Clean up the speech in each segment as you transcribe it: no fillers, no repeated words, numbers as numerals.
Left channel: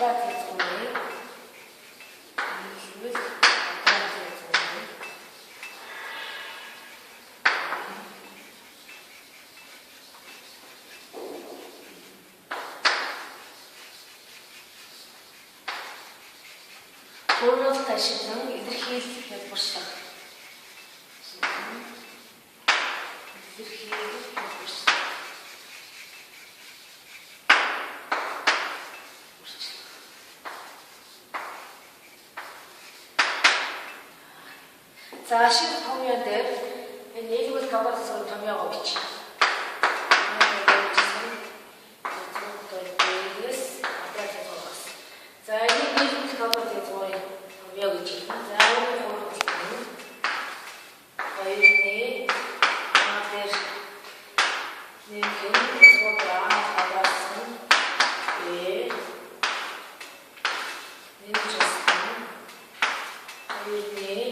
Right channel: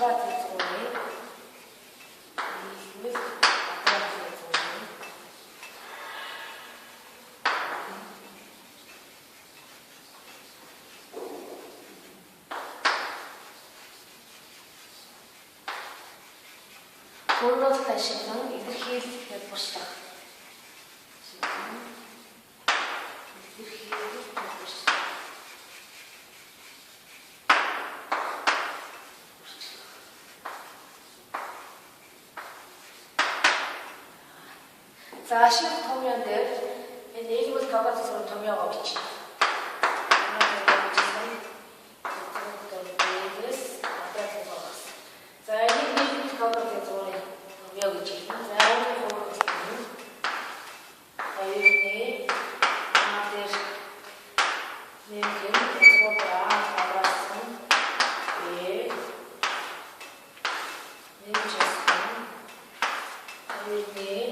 квадрат язгууны нийлбэл квадрат язгууны өөрөөр ашиглан илэрхийлэл хялбарчлах. За ашиг томьёон дээр энэ нийлбэл квадратын томьёогоо бичнэ. За энэ нийлбэл квадратын томьёог гэж хэлнэ. За энэ хоёрны дээр нэгэн квадрат квадратын нэмжсэн хоёрны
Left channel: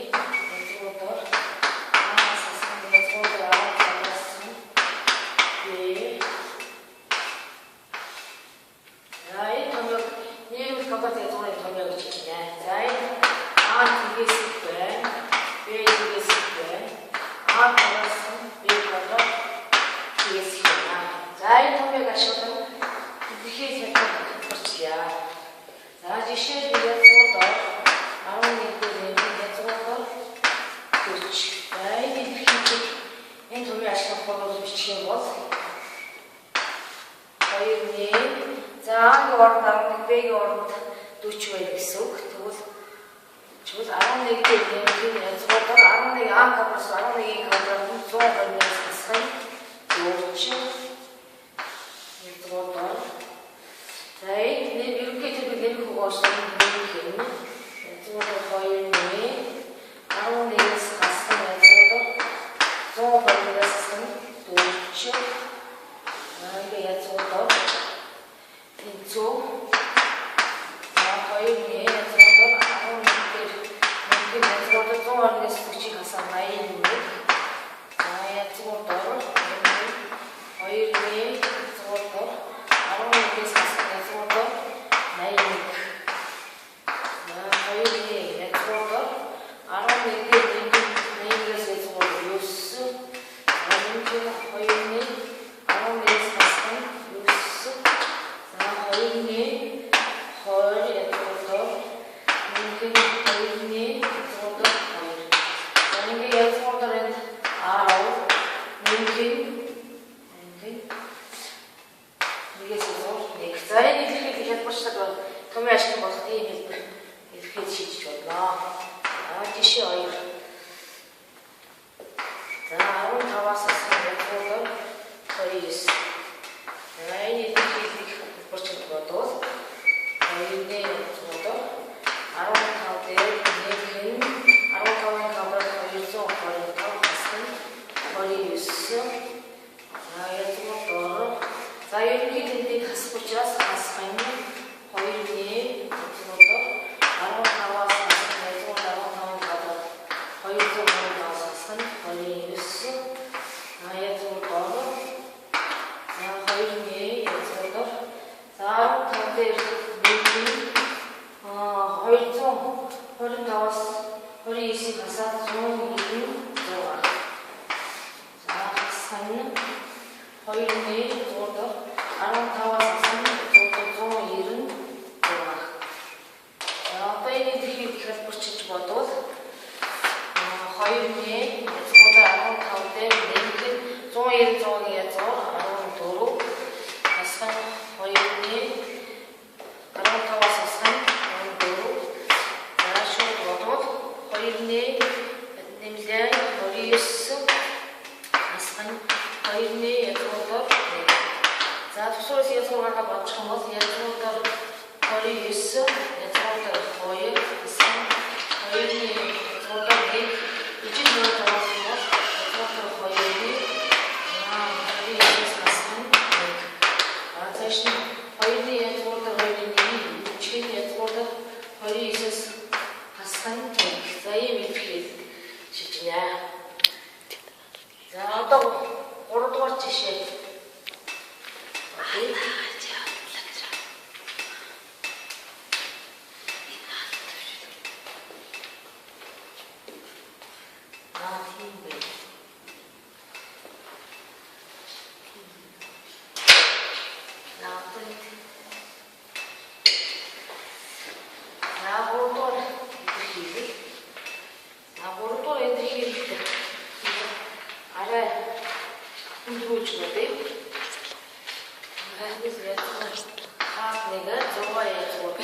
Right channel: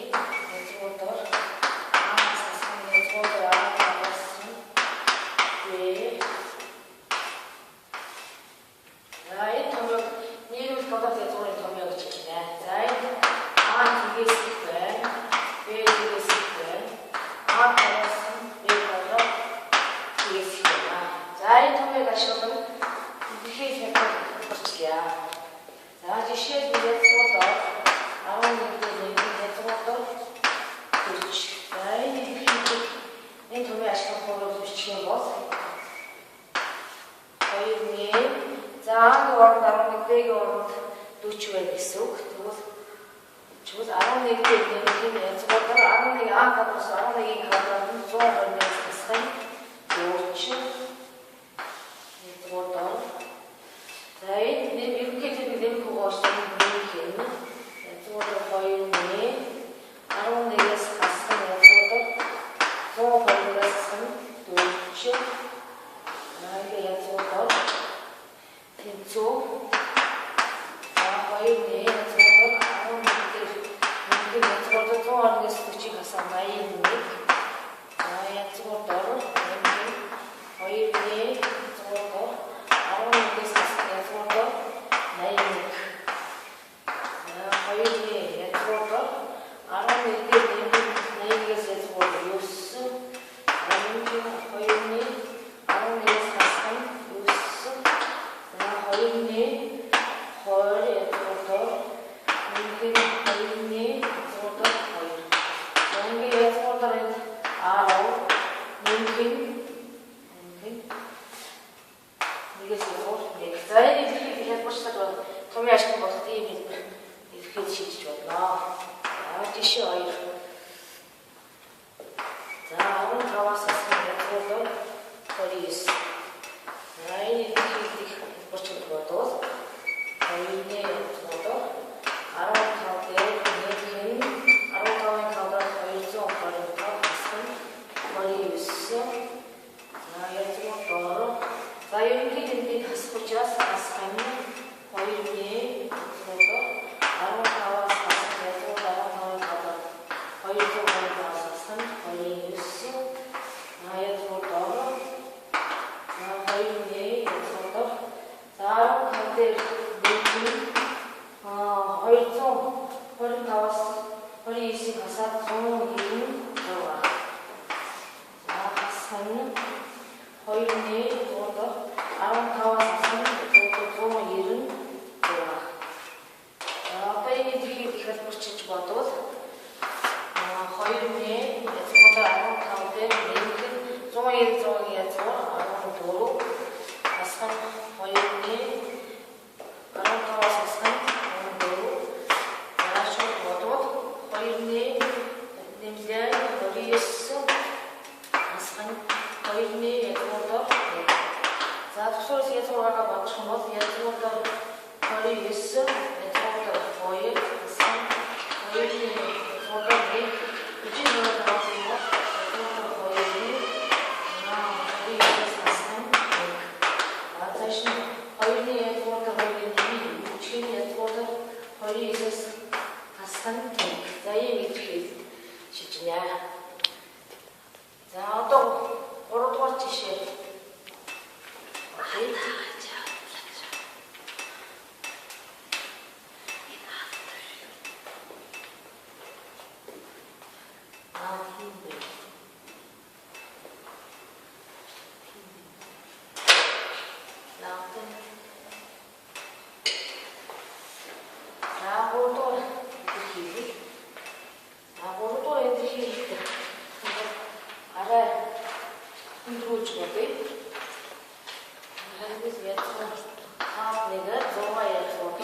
내가 좋아해 주고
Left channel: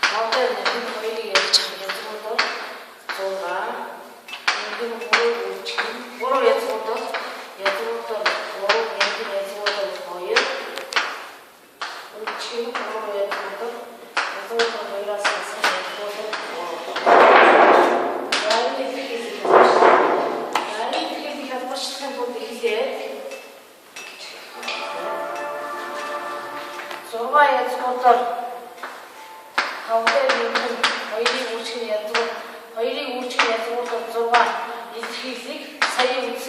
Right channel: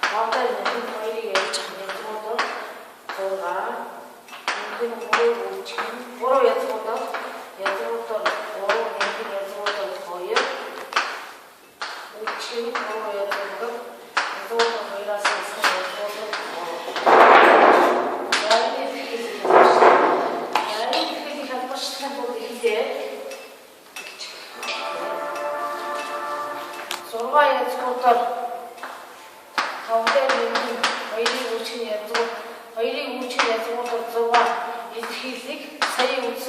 나한테 내가 거의 예전에 주고도 좋아 내가 뭐를 지금 뭐를 해주고도 예주고도 뭐를 해주고도 거의 지금 뭐를 해주고도 예주고도 거의라서 예주고도 나이 되게 하고 싶은 것도 이제 좋아해 주고도 가운데는 거의 우측에 또 거의 우측에 또도 좋아 이렇게 사이 우측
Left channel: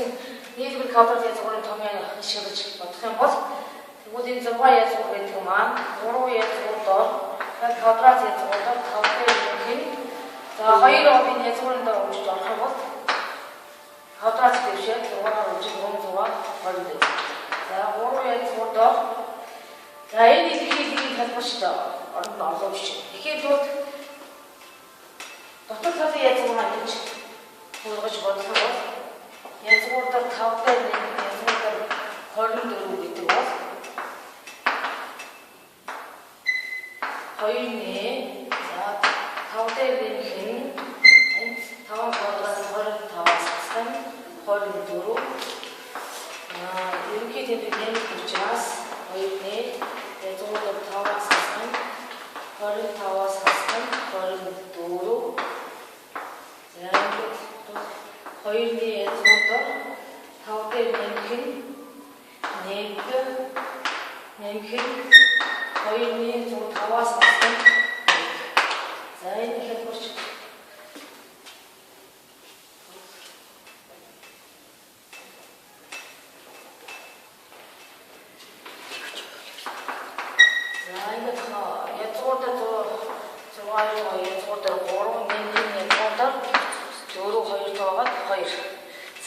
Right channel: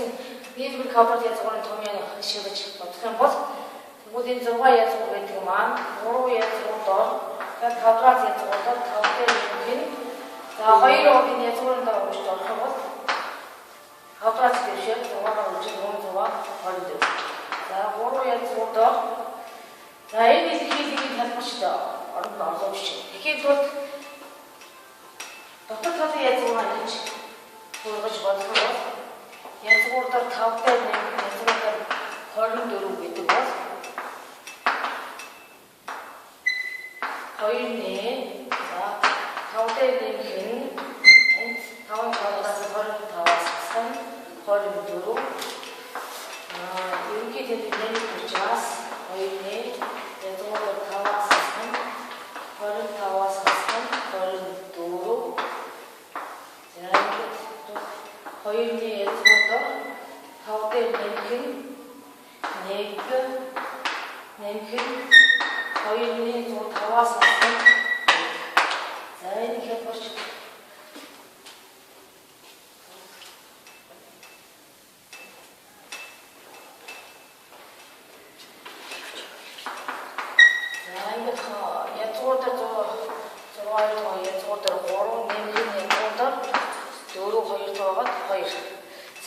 니들 가버려 저거는 정면에 시험을 치고 어떻게 뭐 모든 좋아해 주고 있지만 뭐로해 주고도 가브라지 주고도 가운데는 자 거의로 어디에 저거는 더 우측 하고 가브라지 되셔 저거는 우측 너무 좋아 버리죠 자 뭐로해 주고도 자 이렇게 해보시죠. 얼른 넣어주시죠. 이게 또 어떻게 예측을 하는지 보여가지고 어떻게 예측을 딱 가운데 있는 예측을 딱 걸음 누르고 있는 것 거인이 자 가운데 있는 긴 다음 걸어가서 걸음 다 와서 걸음 누르 이렇게 되면 붙여서 거인이 예측을 다 와서 걸음 다 와서 걸음 도로 거인이 예측을 가운데 냉큼 거인이 다 와서 자 이렇게 해보시죠.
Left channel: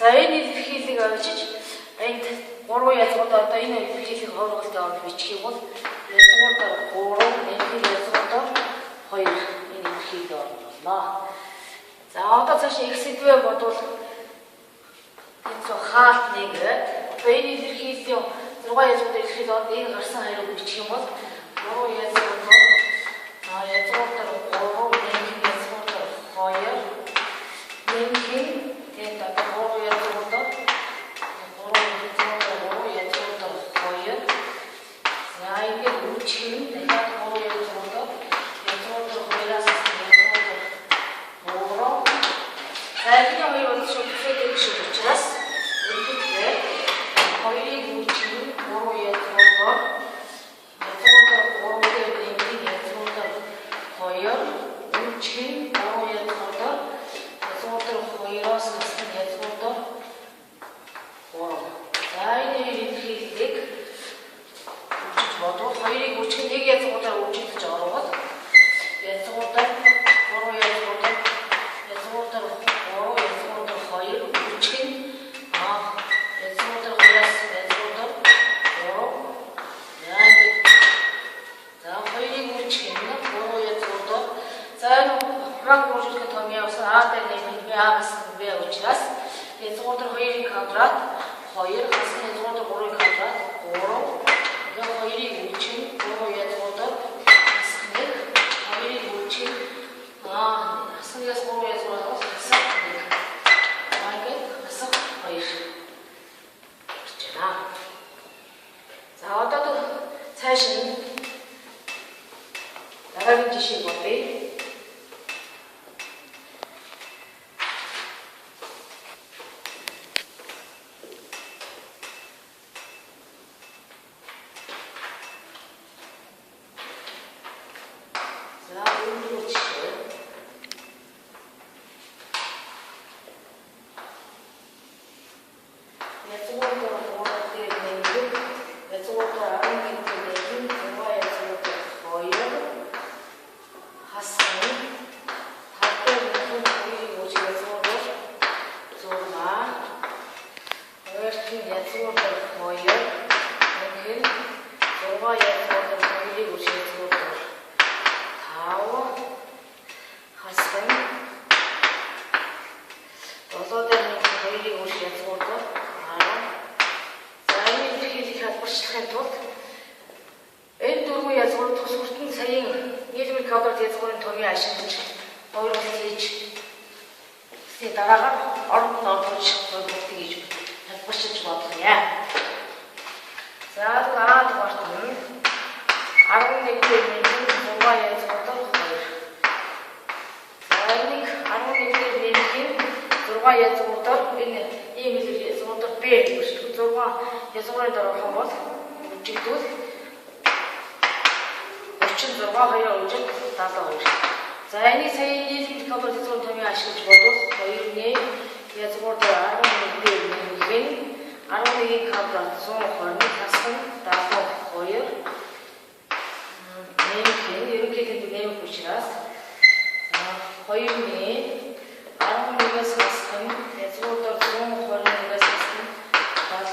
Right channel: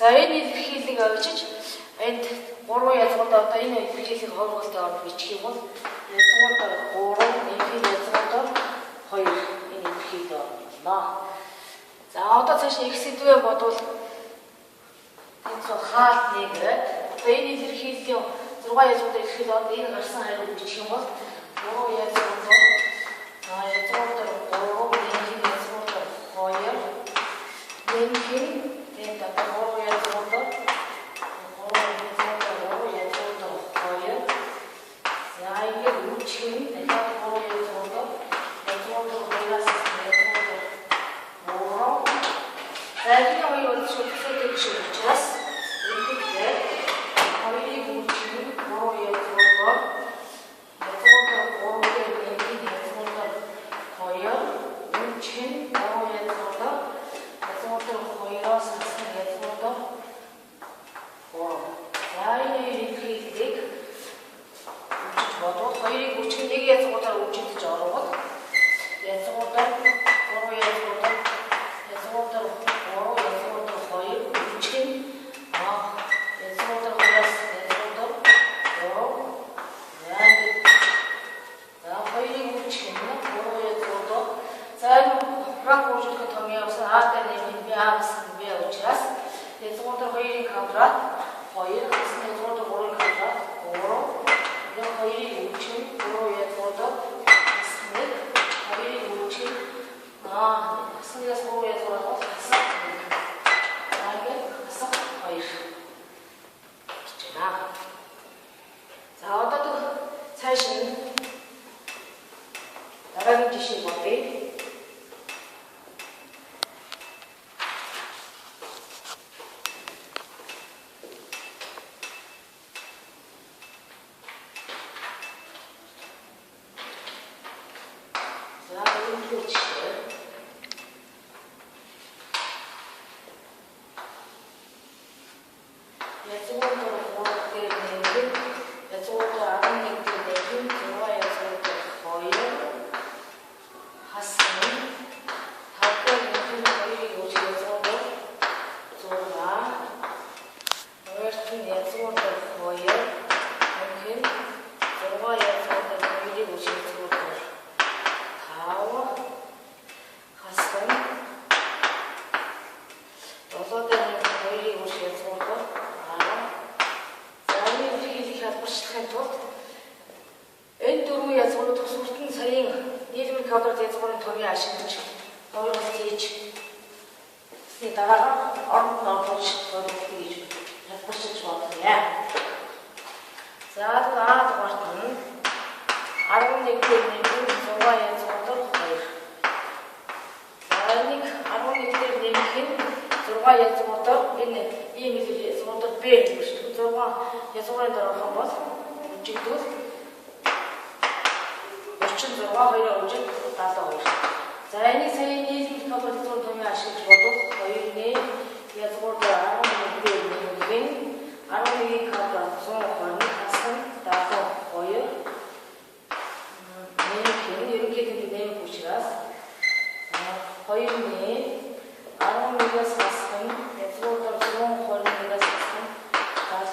자연이 힐리가 그렇지? 엔트 고로에 저다 이네 힐리 걸어갈 때 아무 미치고 예서부터 고로 내기 예서부터 거의 이네 힐리가 나. 자, 아까 사실 익스트에 뭐도 저 하트니가 베이니 힐리요. 누가 예서부터 힐리가 내가 갈상 이러고 미치고 고로 예서부터 예서부터 고로 내기 예서부터 거의 내기 됐다. 고로 예서부터 이게 우측 내가 거기에 들어도 이쪽으로 보이라서 이쪽으로 뭐로 그냥 이거 저쪽에 붙였어 이렇게 거기 우측 뭐로에 들어도 이쪽으로 뭐로에 내기 이쪽으로 거기 우측 뭐로에 들어도 이쪽으로 보이라서 이쪽으로 뭐로 자 이렇게 거의 우측 내기에서 보다 우측 저로 예서부터 고로 예서부터 고로 예서부터 거의 우측 예서부터 예서부터 고로 자 거의 우측 고로 예서부터 자 막 우측 더미어서 아때는 미아스 왜 우측스 예서부터 거의 가브라 거의 가스 예서부터 고로 가브라 고로 거의 우측 고로 예서부터 스낵 거의 우측 스낵에서 고로 예서부터 가서 이게 가서 거의 있잖아. 자 어떠도 사실 나가는 짓이 뭔데? бүтэн саяын нийлбэр квадрат язгуурын томьёо ашиглаж 2 ус хийж дараагаар оронд нь орж бодлоо гэж хэлбэрчилж бодох юм. За дараа дугаарт нь 11 дээр нэмэх 6 язгууртар 2. За энийг 11 дээр нэмэх 6 язгууртар энэ ийм язгууртар Б гэж 6 язгуурын дараах бол үжигдүүл 46 2 үжиг 72. За энэ саяны нийлбэр квадрат язгуурын томьёо ашиглаж бодвол 2-ны язгууртар 11 дээр нэмэх 11-ийн квадрат 120 хасах 72 ерөнхийдөө нэмэх учраас 2-ны 11-ээс хасах язгууртар 121-ээс хасах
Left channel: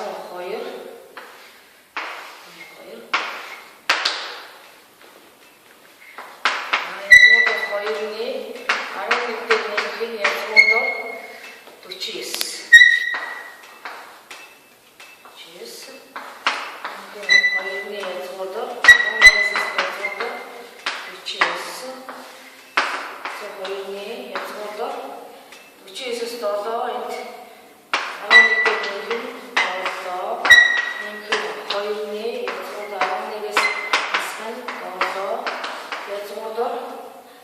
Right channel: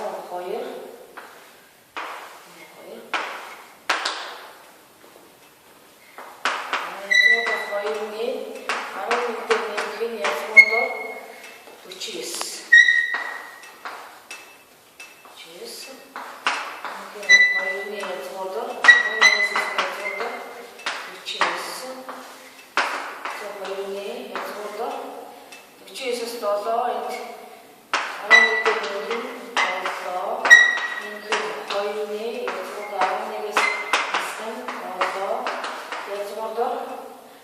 72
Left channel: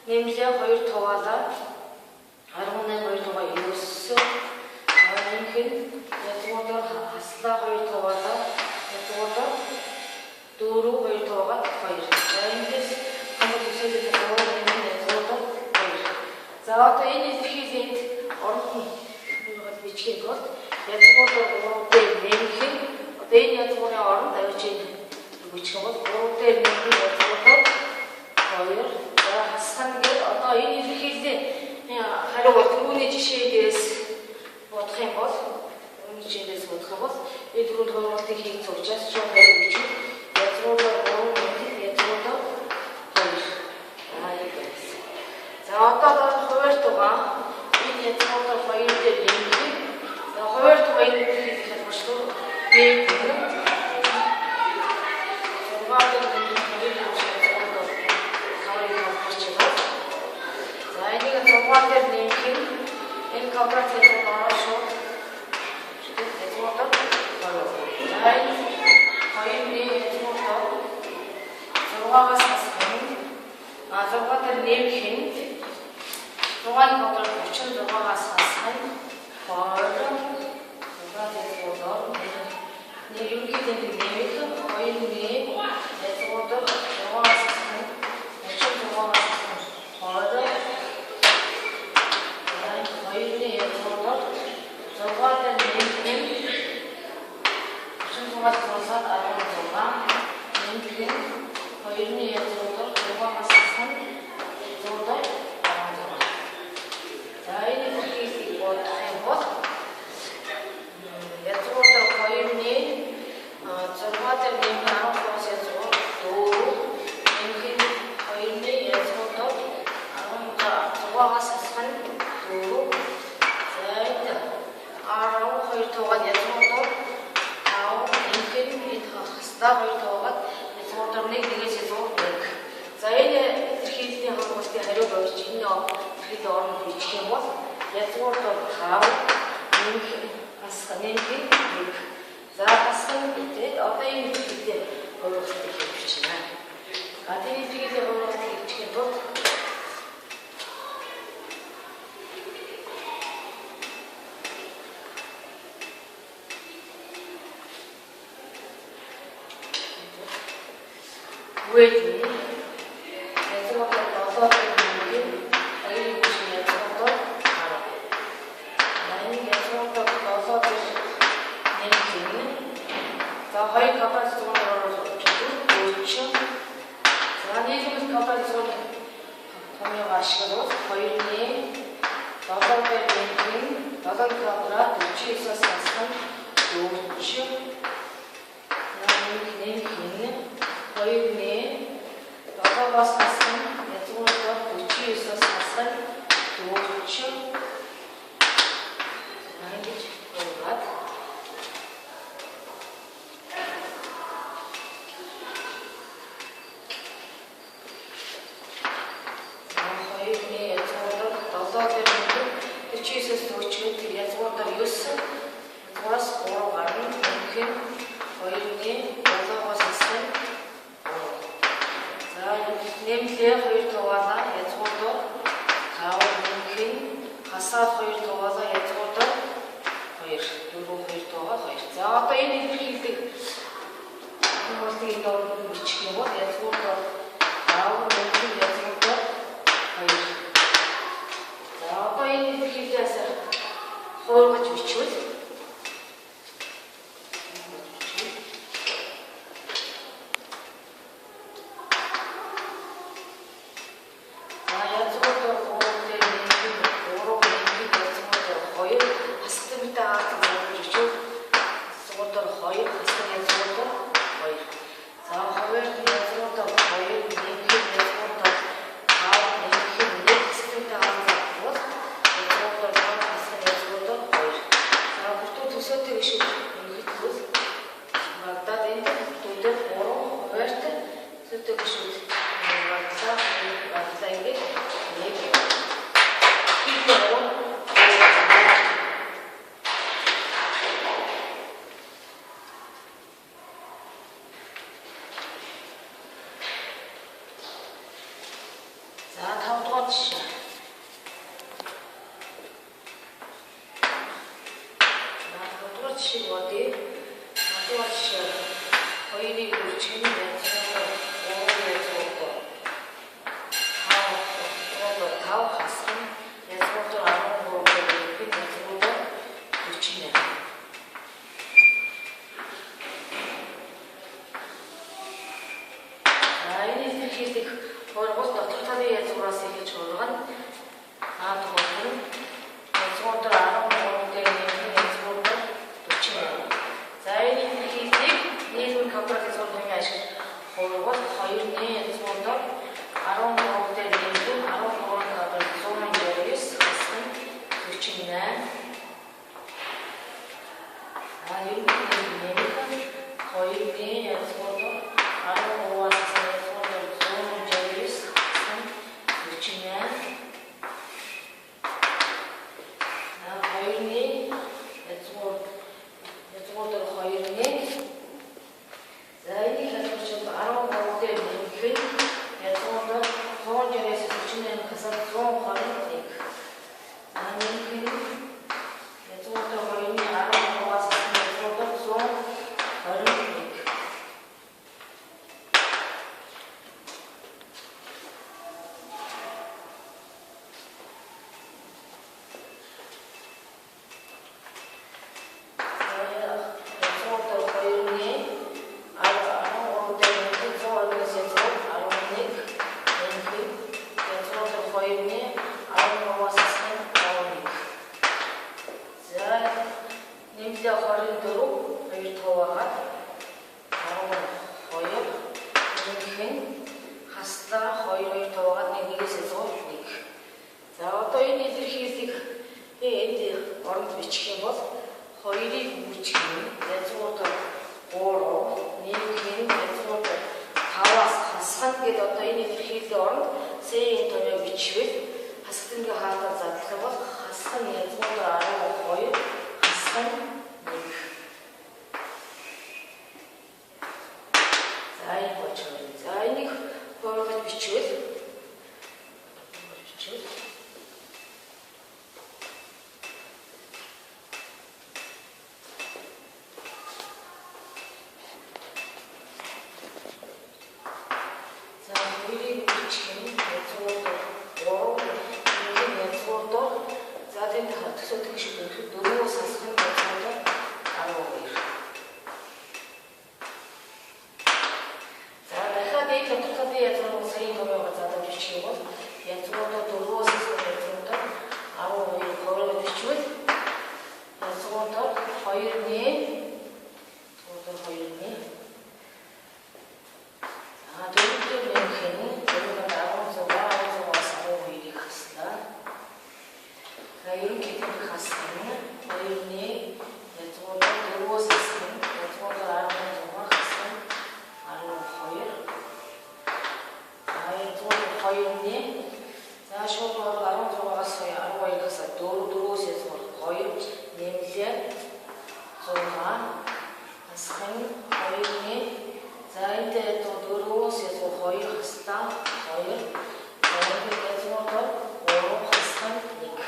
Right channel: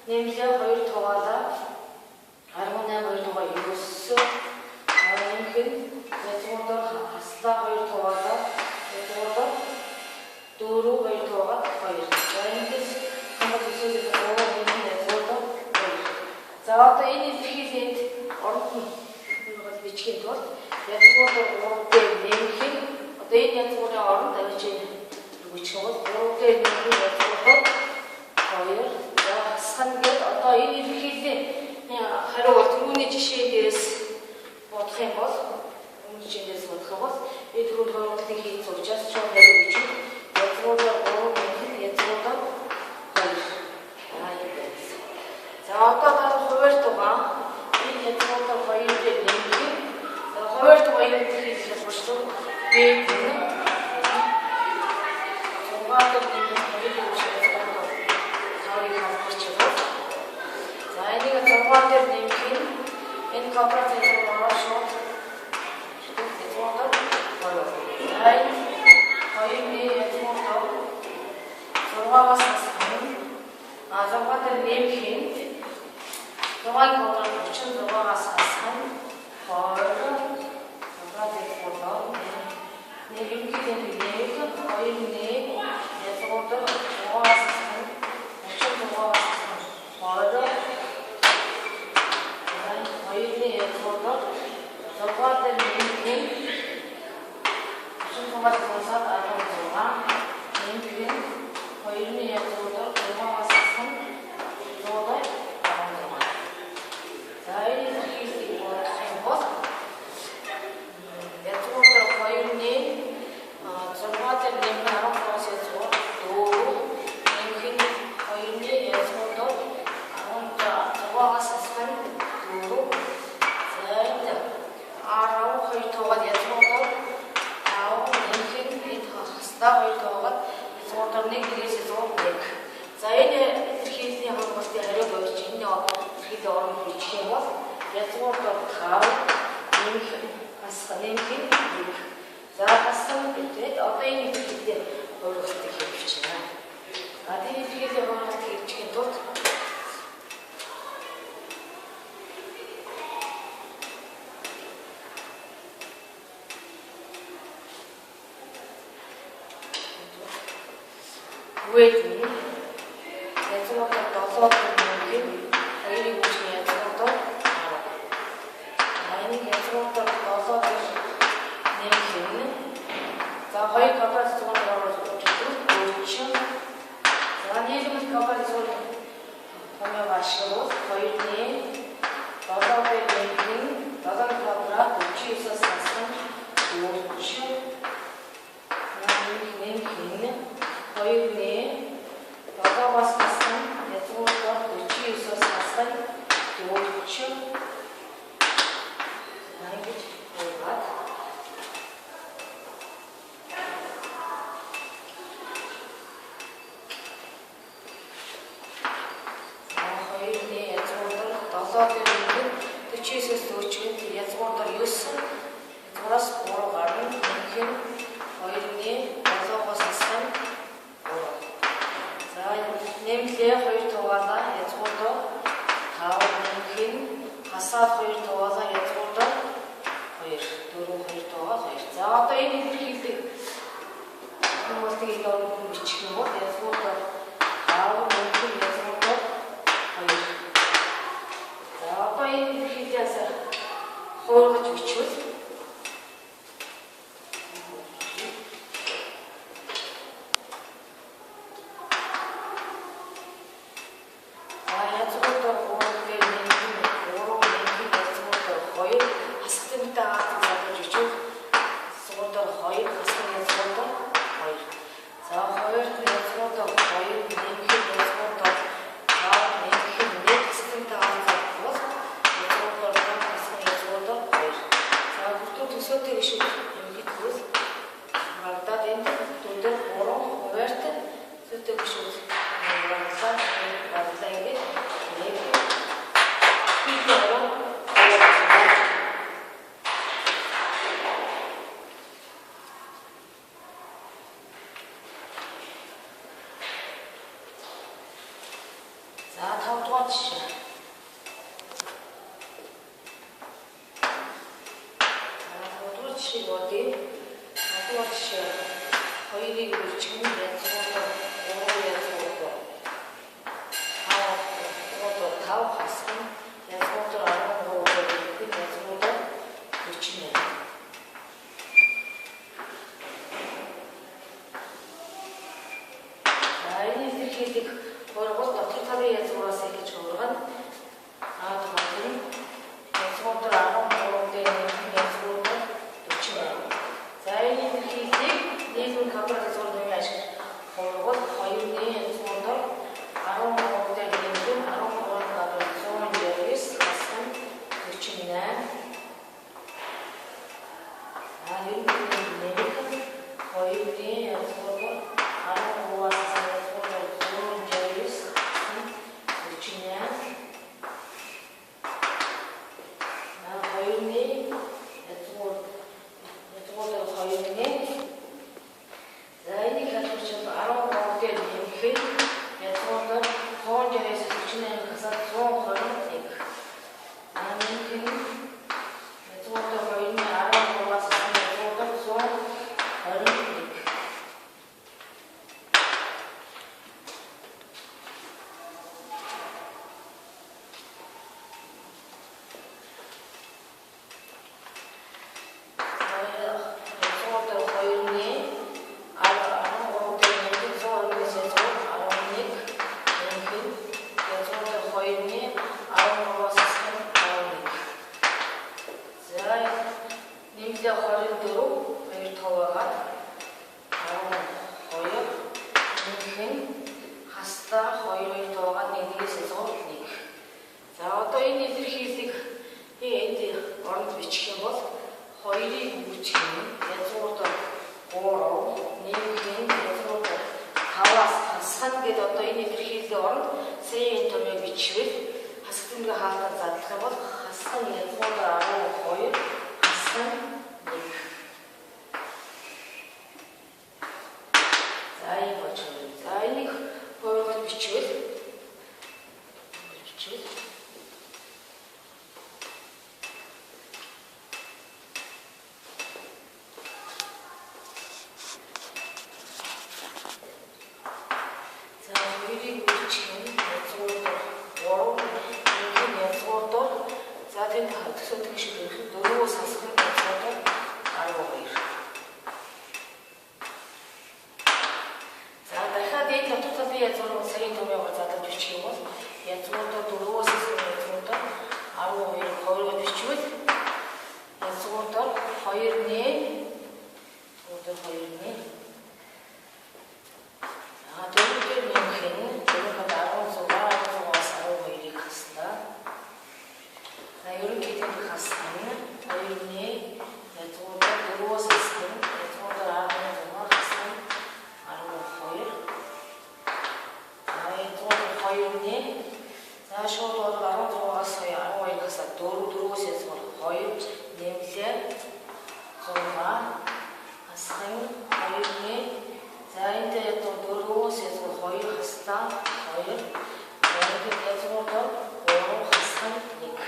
нэмлээ 2 туваалаа 18 2 тугаа 9 нэмэх нь язгууртар хаслаа 2 туваалаа язгууртар 4 2 тугаа 2. За эндээс хамт үсэлээс 3 нэмэх язгууртар 2. За одоо энэ илэрхийлэлд оронд нь юугаар бичгээд бол язгууртар 3 дээр нэмэх нь одоо энэ язгуурын оронд авч бичих бол 3 дээр нэмэх язгууртар 2. Хасхан гээд одоо энэ илэрхийллийн хариу бол түрүүний жишээгээс бодох юм бол энэ түрүүнд хойруултыг хийх учраас шууд хариу бичиж язгууртар 3 нэмэх язгууртар 2 юм байна. За одоо хуваарь тугаан энэ язгууртар 2 дээр нэмэх. За хуваарь тугаан энэ илэрхийлэл болчихсон. Би энэ зургаар дээр нэмэх энэ квадрат язгуур ороод шууд язгууртар 2. За энэ 2-ны язгууртар 6-аас хасах нь 6 дээр нэмэх нь 6-ын квадрат 36-аас хасах нь 2 квадрат язгуур ерөнхийдөө нэмэх 2-ны язгууртар 6-аас хасах нь 36-аас хасах нь 2 2-ны язгууртар 6 дээр нэмэх 36-аас хасаад 16 нэмэх 2-ны язгууртар 6-аас хасах 116. За энэ илэрхийлэлийг бодох юм бол язгууртар 2-ны 6 дээр нэмэх 13-аас язгуур 4 нэмэх 2-ны язгууртар 16-аас хасах 4 2 тугаад язгууртар 5 нэмэх хаслаа 2 тугаад язгууртар 1-ээс язгуур 1. За энэ илэрхийллийн холбоотой хариу болж энэ илэрхийллийн орнд бичих юм бол язгууртар 5 нэмэх хасах нэмэх 1. За хасах гэдэг одоо энэ илэрхийллийн холбоотой хийж байна. Энэ илэрхийллийн холбоотой хийхийн тулд Wait, язгууртар 7 дээр нэмэх 2-ын бүшний язгууртар 10. Энэ язгууртар 7 дээр нэмэх. За 2 квадрат язгууртар орж 40. За нийлбэр квадрат язгуурын томьёог ашиглавал 2-ны 7 дээр нэмэх 7 квадрат 49-аас хасах 40. Нэмэх 2-ны 7-аас хасах язгууртар 49-аас хасах 40. Ингэж болоод одоо тэр 49-өөс 40-д язгуураар 9 язгуураас 3 гарна. Нэг нь 2-ны 7-оос ассан. За нэмлээ 2 тугаалаа язгуураар 5 нэг нь хасаад 2 тугаалаа язгуураар 2 4 2 тугаал 2. За одоо энэ илэрхийлдэг хүмүүсийг ингээд бичих юм бол язгуураар 5 нэг нь язгуураар 2. За одоо энэ илэрхийлээс хуургаж бичвэл хоёрны за шууд 16-аас хасаа 4-4-өөс язгуур 2 нэмлээ 6 хасхан 2-ний за энэ ядуу 4-өөс язгуур 2 хаслаа 2 за язгуур 3 хасхан 1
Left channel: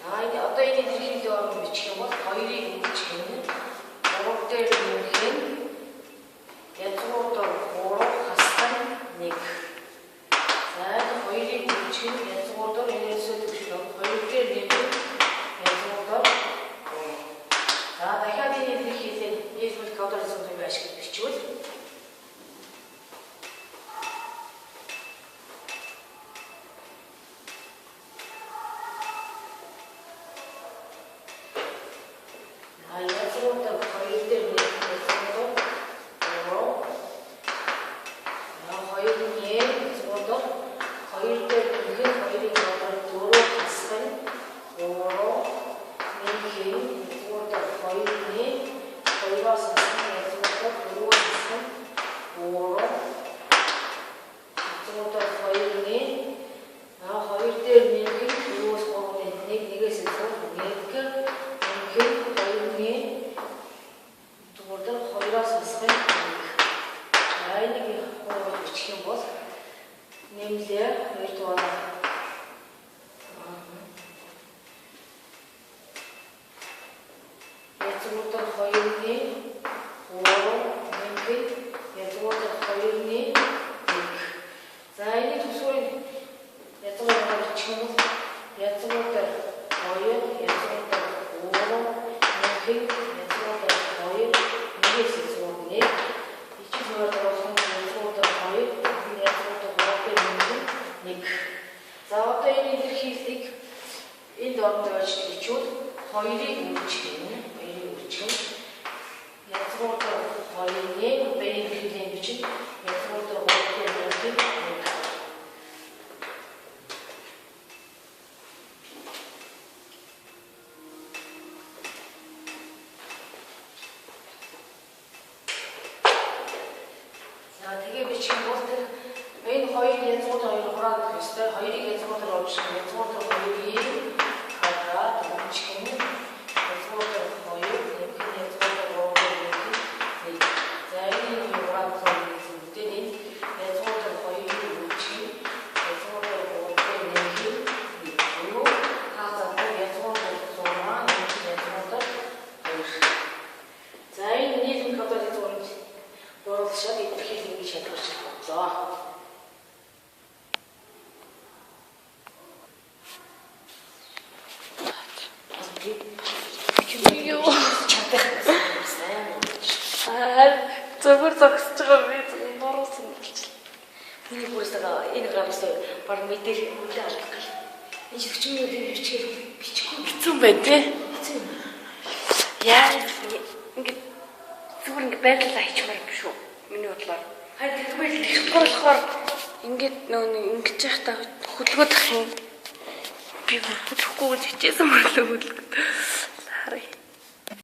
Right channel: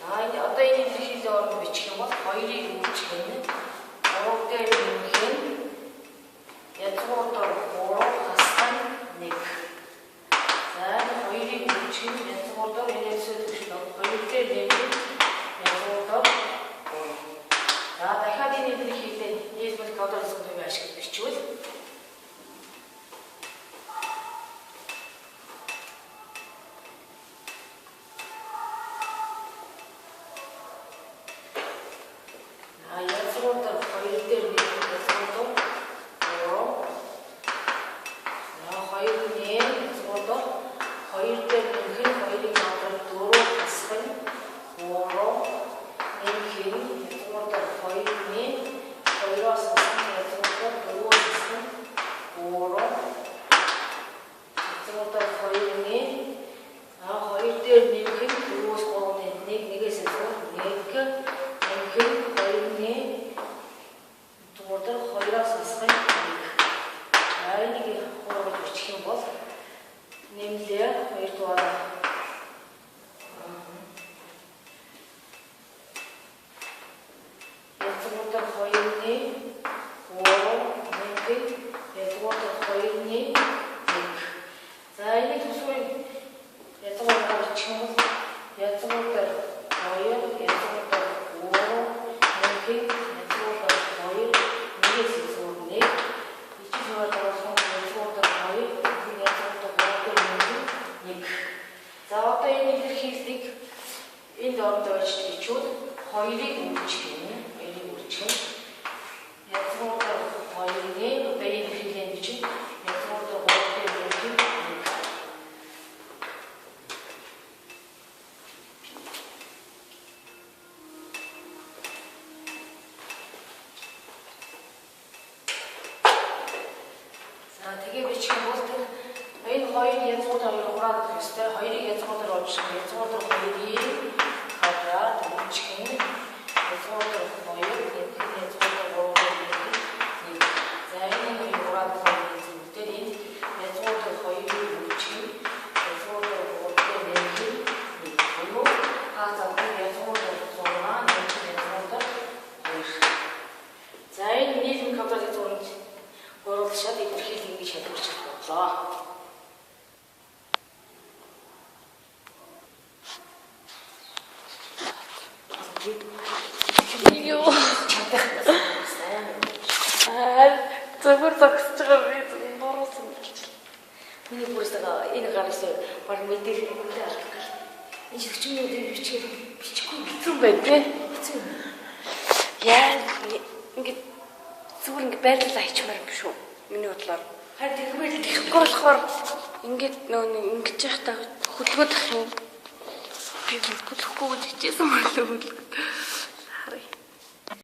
за одоо энэ илэрхийлэл орон бичих юм бол 2-ыг үүсгэх нь 3 дээр нэмэх нь язгуур 3 хасхан 1 за 2-ыг үүсгэх нь язгуур энэсээ төвшин 2 дээр нэмэх язгуур 3 за дахиад энэ илэрхийлэл нийлбэл кодорсон юм ашиглаж бичвэл зөвхөн зогсож байгаа би нуруусан болчихлоо. Миний бүрсээ энэ гаргасан баг мэдээлэл үлээ алдах гал. Энэ шигчмийн бичихгүй хэцүү байна тий. Хэцүү. Яа ингэ зүгээр ингэ байрлал хийчмаар юм шүү. Миний бодлоор. Харин тэгмэл тэгэхгүй болохоор ингээд нөө ингэж яхаа хөдөлгөөд ах юм. Би хөдөлгөхгүй гэж хичээсэн мөрлөө хөдөлгөө.